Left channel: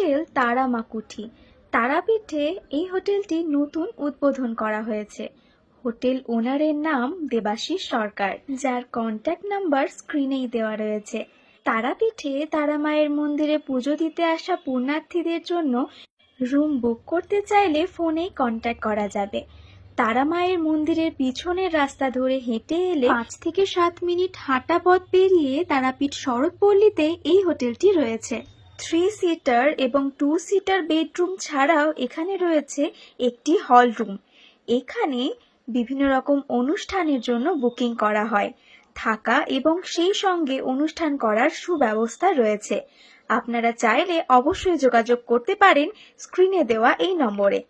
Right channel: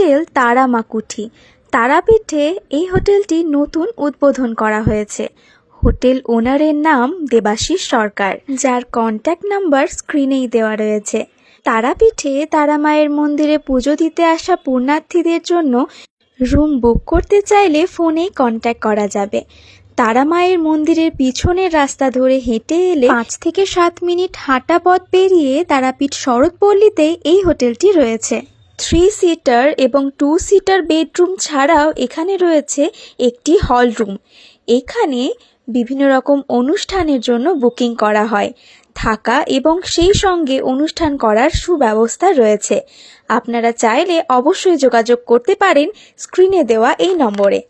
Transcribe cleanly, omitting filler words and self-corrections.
Hotel তারামাকুঠি। তারাপীঠে এই হোটেলটি নতুন উদ্বোধন করা হয়েছে। হোটেল ওনারের নাম দেবাশিস সরকার, যার কন্ট্যাক্ট নাম্বার স্ক্রিনেই দেওয়া রয়েছে। তারাপীঠে তারামায়ের মন্দিরে পুজো দিতে আসা পুণ্যার্থীদের জন্য রুম বুক করতে চাইলে ফোনেই কন্ট্যাক্ট করা যাবে। তারামায়ের মন্দিরের পিছনের রাস্তা ধরে হেঁটে এলে 5 থেকে 7 মিনিট হাঁটা পথ পেরিয়ে তারাপীঠ শরৎপল্লীতে এই হোটেলটি রয়েছে। 3 সিটার এবং 2 সিটার বেডরুম ছাড়াও এখানে রয়েছে একটি হল রুম। এখানে বিভিন্ন রকম অনুষ্ঠানের জন্য বুকিং করা হয়। থাকা এবং সেই সঙ্গে অনুষ্ঠান করার সুব্যবস্থা রয়েছে। আপনারা চাইলে অবশ্যই যোগাযোগ করতে পারেন স্ক্রিনে দেওয়া এই নম্বরে।